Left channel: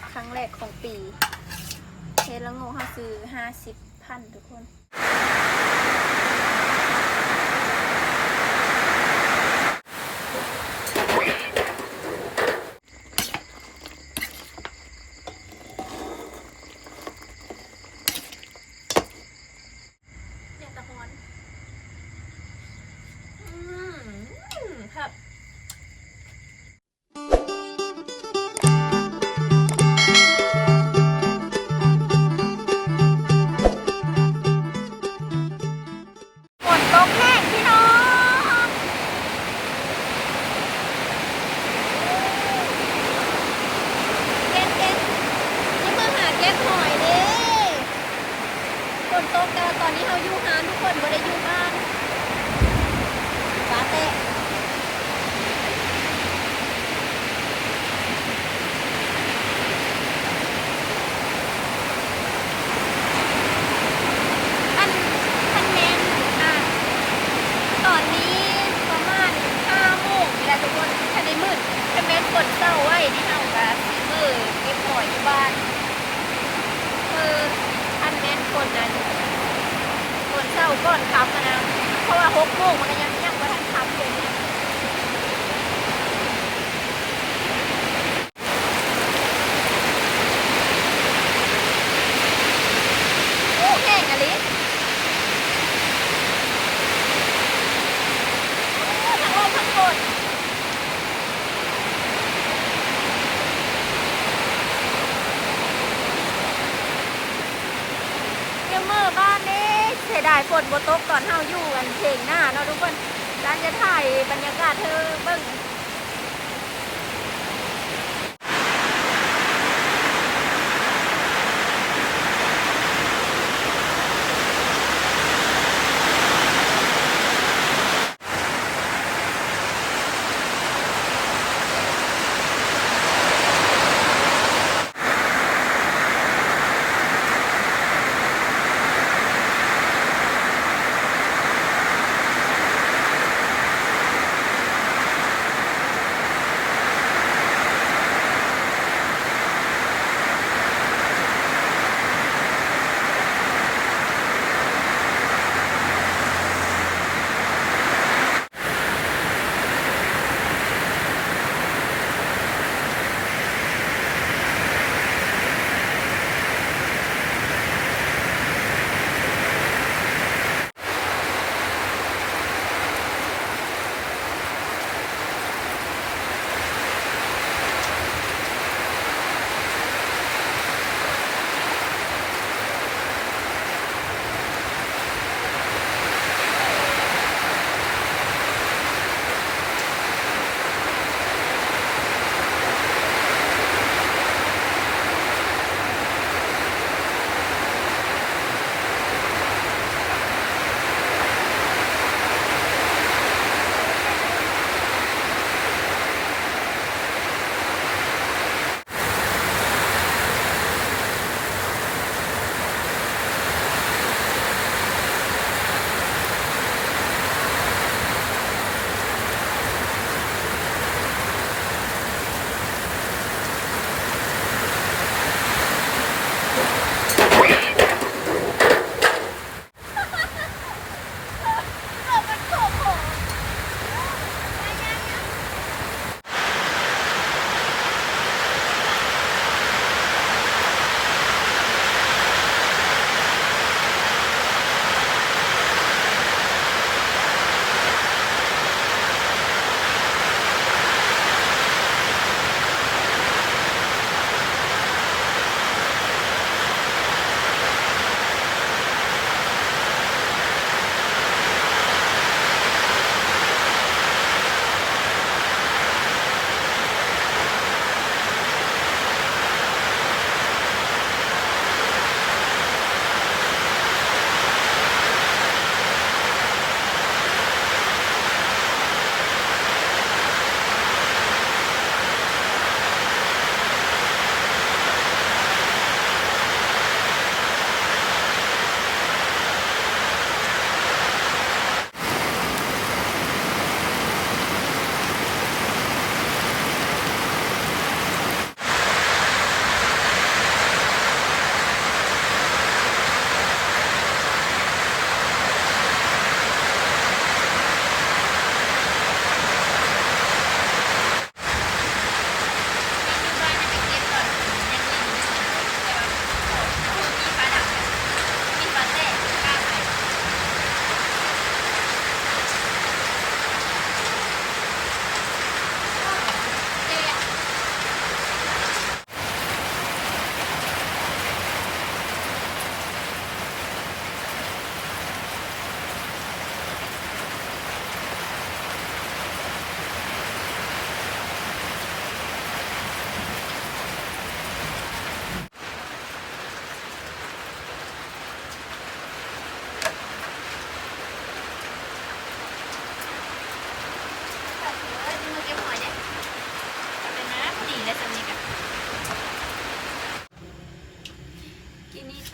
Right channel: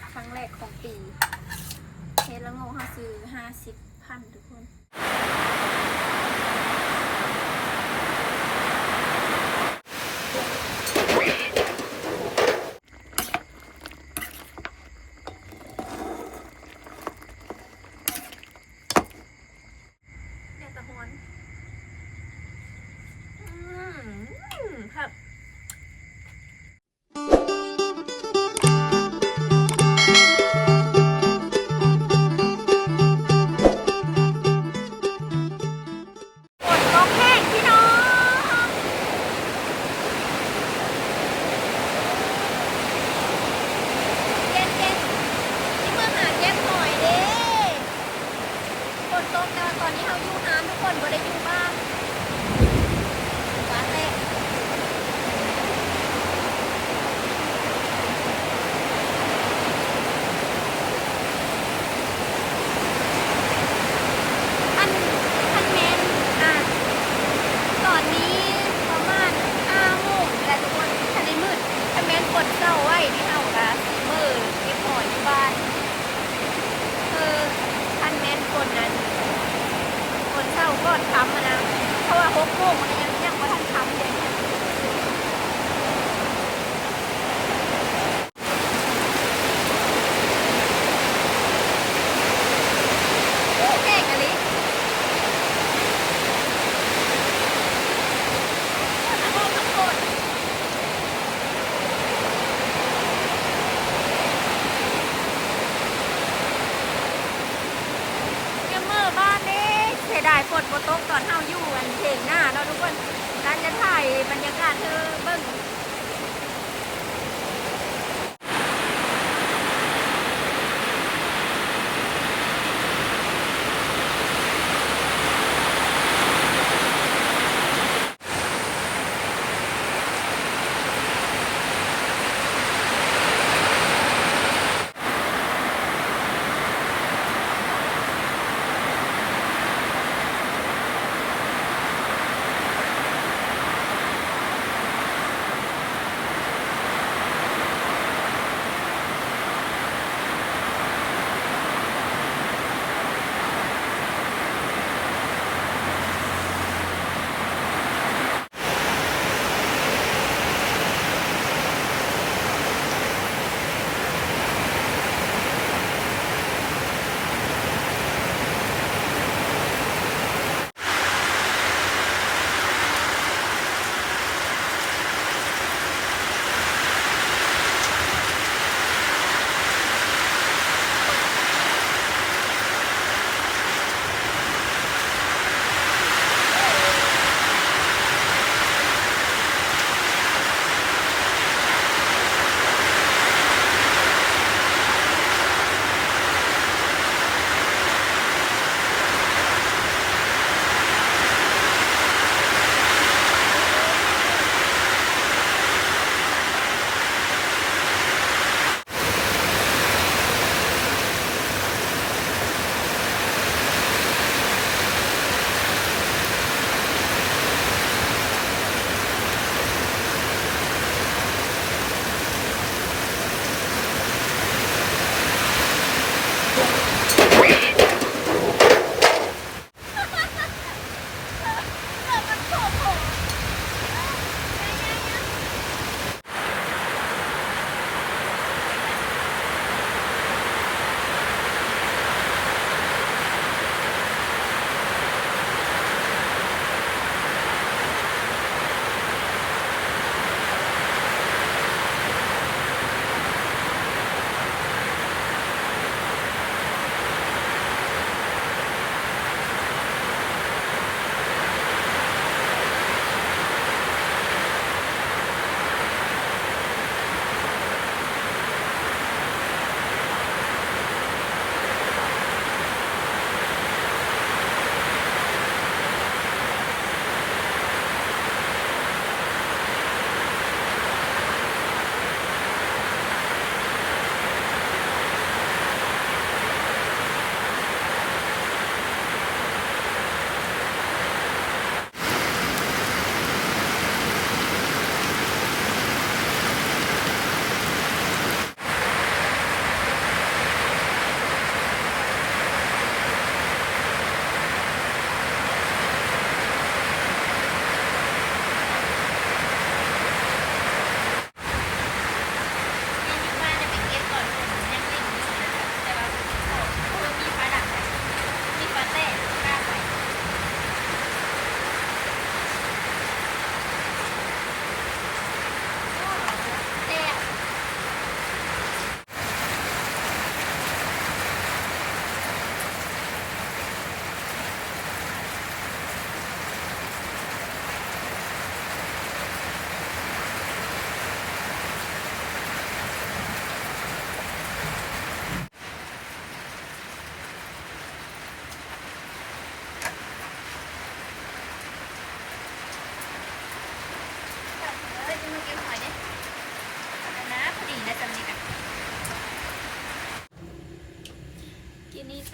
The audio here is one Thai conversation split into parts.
กครั้งแรกของปีเฮ็ดละโงกเขาซื้อ50,000ทุกคนครับฝนตกแห้งพี่น้องเก็บนี่มือหาเก็บหอยเด้ฝนตกแต่ตอนนี้เขาอยู่ฮานทุกคนบ่ได้อยู่บ้านฟ้าเตะตอนนี้ประมาณ5 โมงนี่แหละทุกคนถ้าได้มืดถ้าแม้นฝนเศร้าไว้ที่เฮากันมือเก็บหอยอยู่บ้านท่านแม้นฝนนั้นฝนเศร้าก่อนค่ำนะเพราะว่า6 โมงมันก็ยังว่าท่านค่ำเลยเนี่ยโอ้แห้งอะลิทั้งลมทั้งฝนเมื่อบ้านนี้เสียดายฝนบ่ตกตอนเฮาอยู่กันเพลงหน้าเนาะทุกคนร้านจะถ่ายบรรยากาศเธอเบิ่ง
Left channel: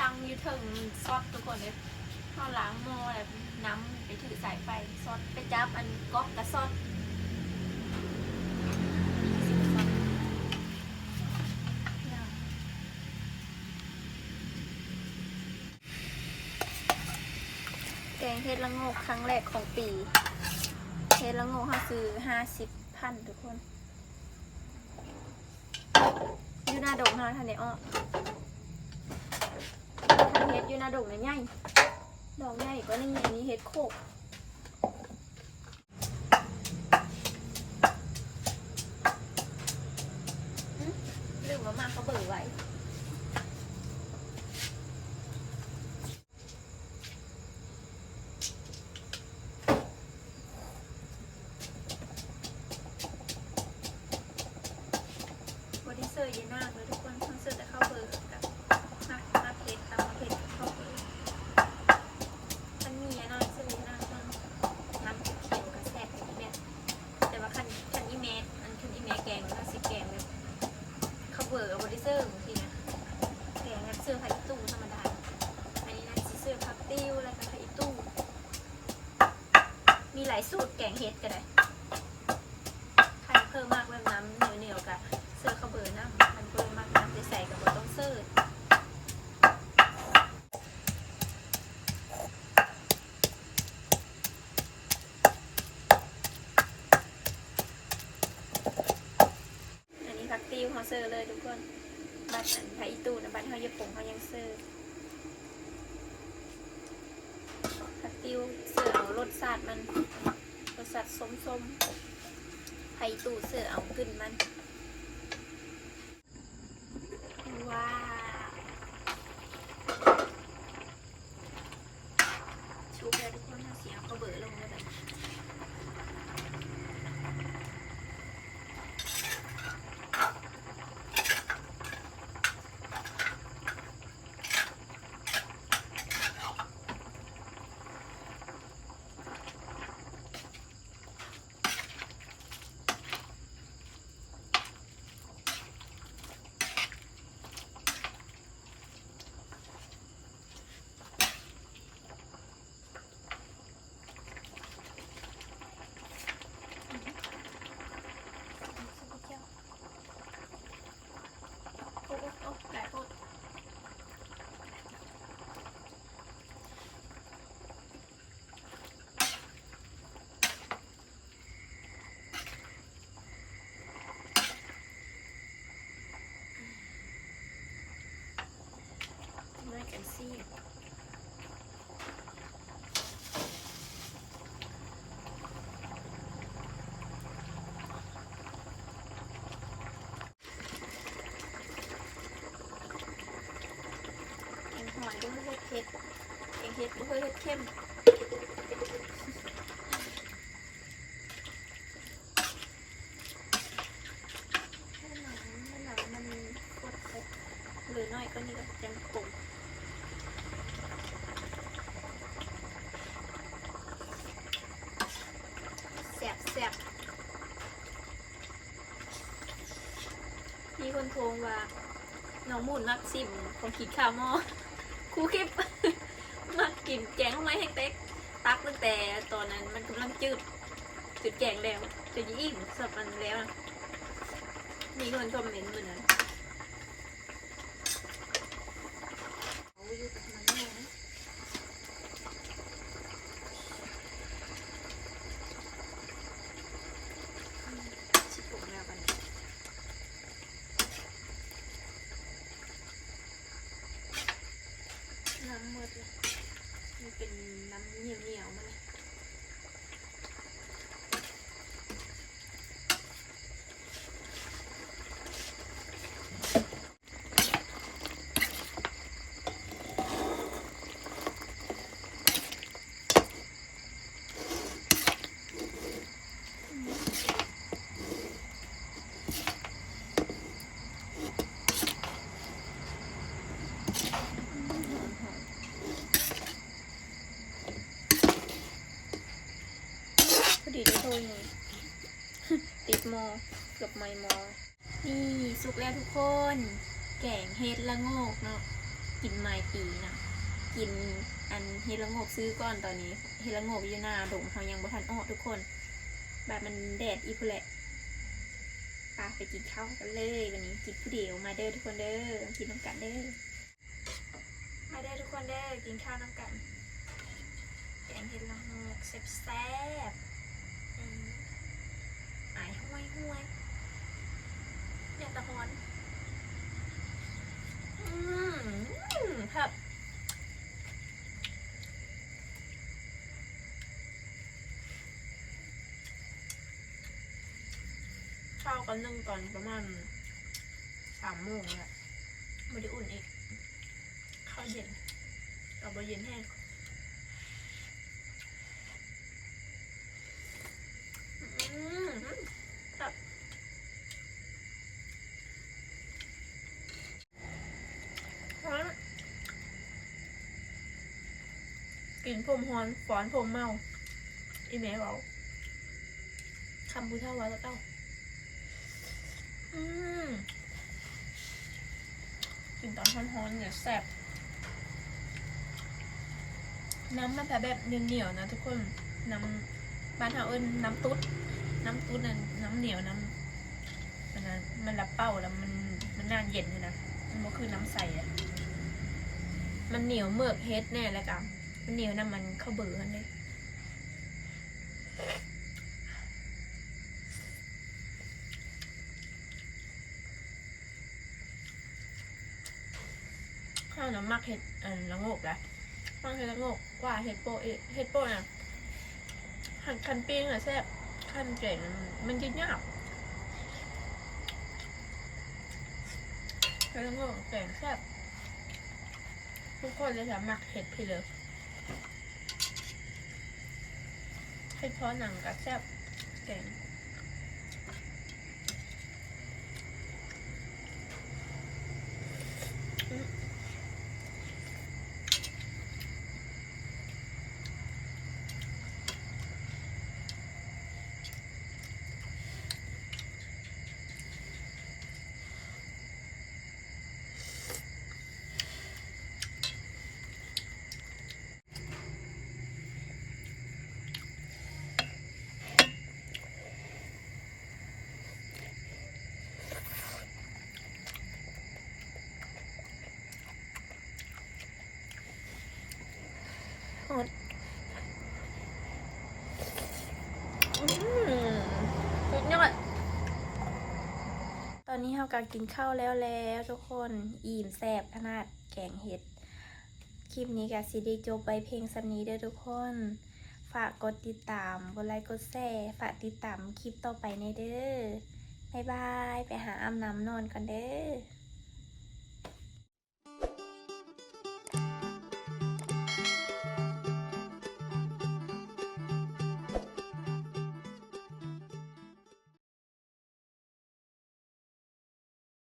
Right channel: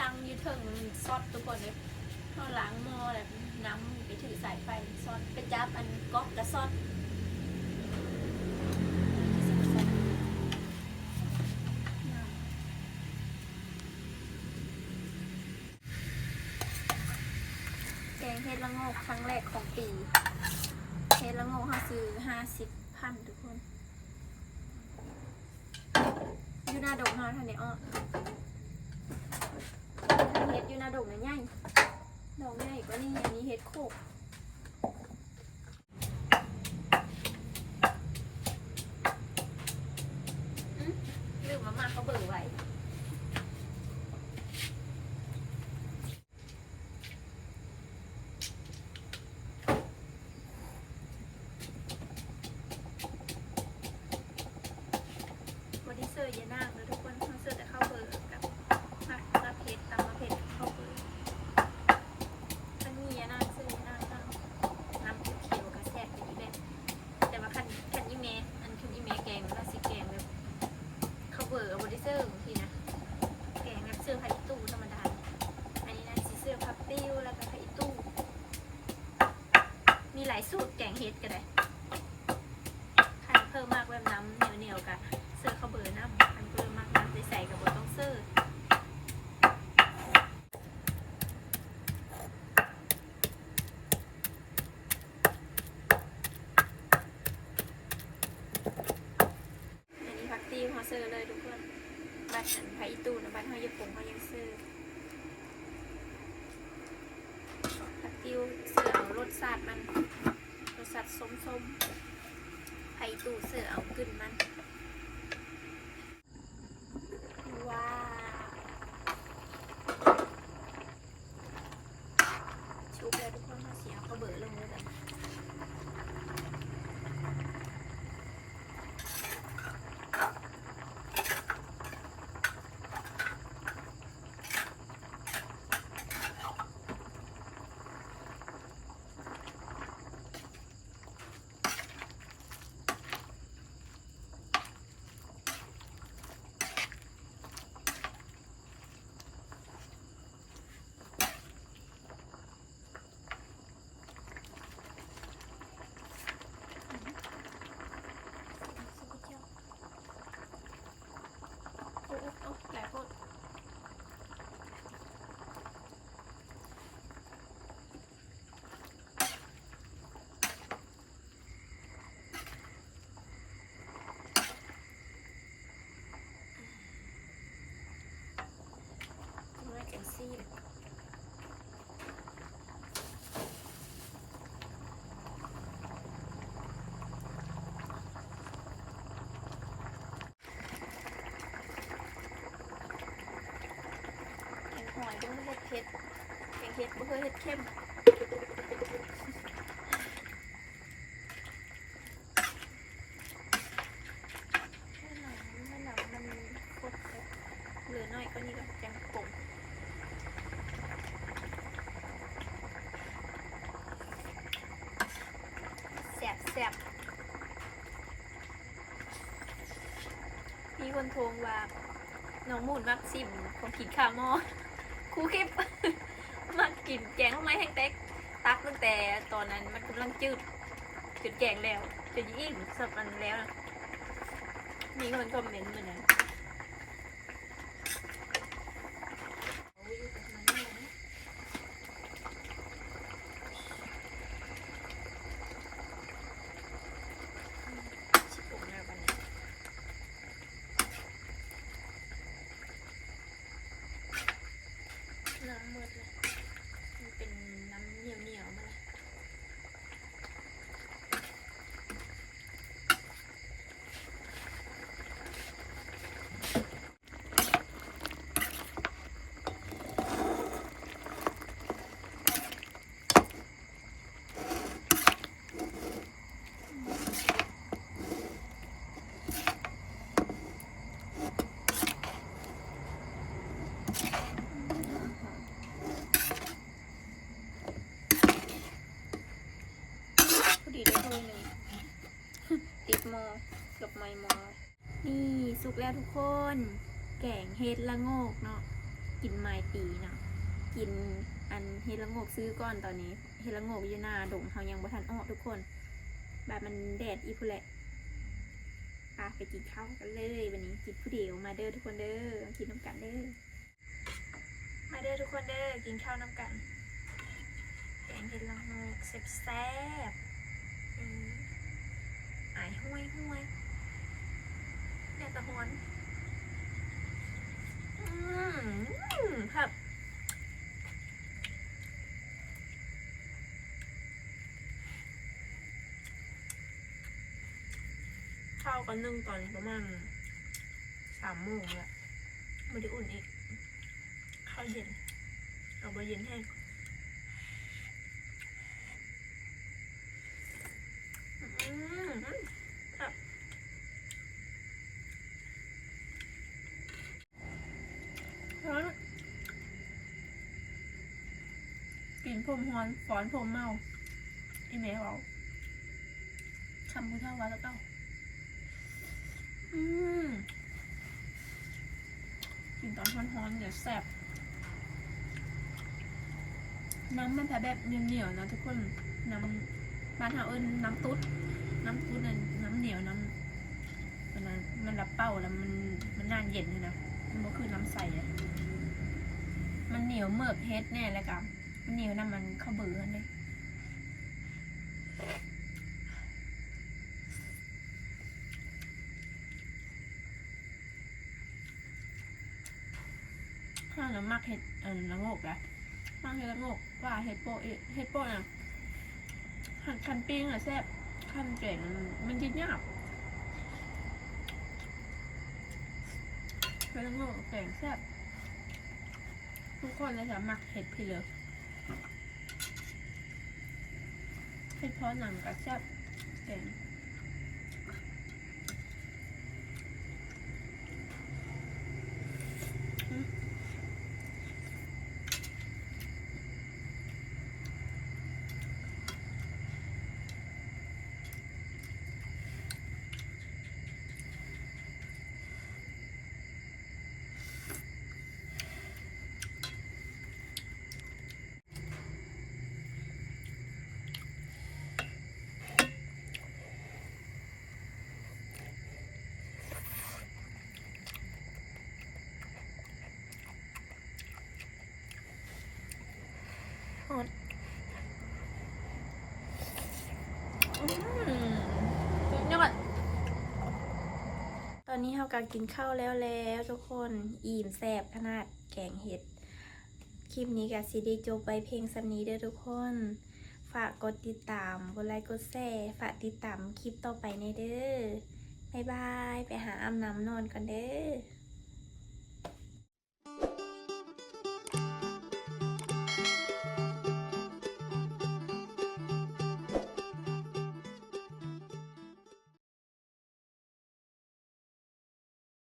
ตั้งอยู่ถึงซอสทุกคนเลยเขาล้างหม้อแบบน้ำไปถือสายไฟซอสไปจับอันก๊อกกับซอสแกงเห็ดละโงกครั้งแรกของปีเห็ดละโงกเขาซื้อ50,000ทุกคนอยู่หน้าดงเขาทันเดอ้อทางเห็ดอยู่หน้าดงเลยใหญ่ดอกใหญ่ก็นี่อันนี้เห็ดโคกลืมมาเขาเบื่อไว้วันนี้เซอร์เยอะมากเลยทุกคนทั้งเซอร์แต่เข้าเบอร์กับมาเพชรตามมาเพชรเข้าเบอร์มันมีเยอะมากเซอร์เยอะมากน้ำเขียวกับแซ่บอย่างนี้แม่แต่ว่าคันอีเมอันคันอีเมแกงน่าสิแกงแบบเข้าเบอร์วันนี้เซอร์บางทีนะแกงแบบเซอร์ไข่ตู้ธรรมดาอันนี้นะซีเซอร์ผักติ้วแล้วก็ไข่ตู้มีหลายสูตรแกงเห็ดก็ได้ใครเพิ่มมากแบบน้ำเหนียวกับเสื้อข้าวเบอร์น้ำอันเพิ่มมากน้ำจะใส่กับบะต้องเสื้ออันนี้ผักติ้วเขาเสื้อเลยทุกคนบัตรไผ่ตู้นะบัตรเขาญี่ปุ่นเขายังเสื้อผักติ้วเสื้อเอารสชาติมันรสชาติส้มๆไผ่ตู้เสื้อเอาขึ้นมันว้าวชุบเลยทุกคนมาเสียงก็เบื่อลงเลยแบบหลายคนไม่กันซี่หอยด้วยเห็ดเผ็ดแกงเห็ดบ่เคยเห็ดเข้มมันโคตรเผ็ดเหลือน้อยก็นี่ก็จังกลมแซ่บมีคนโทรว่าน้องมูนมักซิมของขีดข้าวหม้อครูคลิปมากินแกงทำไมแห้งเต็กตักตั้งแต่ตอนนั้นมันกำลังจืดแกงแล้วจะยิ่งสดมันแล้วนะมีคนคอมเมนต์เหมือนนั้นน้ำมืดเลยมันเป็นน้ำเหนียวๆมาเลยดีได้เท่านี้ติดมอเกือบไม่มอนี่สุกแล้วทุกคนแกงเห็ดละโงกเนาะ กินไม้ปีนะกินอันเฮละโงกซื้อก่อนตอนนี้เฮละโงกอยู่หน้าดงเขายังบ่ทันออกทุกคนแบบมันแดดอีพุ่นแหละไปกินข้าวกันเลยวันนี้กินผู้เดียวมาเด้อทุกคนเด้อกินน้ำกันเด้อมาเด้อทุกคนเด้อกินข้าวน้ำกันแกงเห็ดละโงกแซ่บๆอายห้วยอย่าตะฮอนครับข้าวกันนึ่งตอนประมาณ3 โมงแหละไม่ได้อุ่นอีกข้าวเย็นเอาไปเย็นแห้งครับกินผมฮอนฝอนผมเมาอีแม่บอกคำพูดเท่าว่าแล้วเต้ากินตอนฮ้อนๆเนี่ยแซ่บน้ำมันแต่แบบเหนียวๆนะทุกคนน้ำบ้านเราน้ำตุ๊ดนั่นน้ำเหนียวน้ำมันรับเป้าแล้วมันนานเย็นเลยนะมันก็คือน้ำใสอะมันเหนียวเมือกเฮ็ดแน่เลยกับมันเหนียวน้ำมันเข้าเบื่อเลยข้าวน้ำมักเห็ดละโงกแหละมักเห็ดละโงกกว่าเห็ดโป้น่ะคันปิ้งอะแซ่บคันเก่งมันยืดยากเห็ดละโงกเก่งแซ่บทุกคนเลยจะมักเห็ดพี่เลยเห็ดเพาะหนังกับแซ่บเก่งสุดยอดตอนนี้เรากำลังกินข้าวแล้วทุกคนอิ่มแซ่บขนาดแกงเห็ดคลิปนี้กับซีดีจบไปเพลงสำนีเด้อทุกคนฝากกดติดตามกดไลค์กดแชร์ฝากติดตามคลิปต่อไปในเด้อบ๊ายบายไปหาอาบน้ำนอนก่อนเด้อ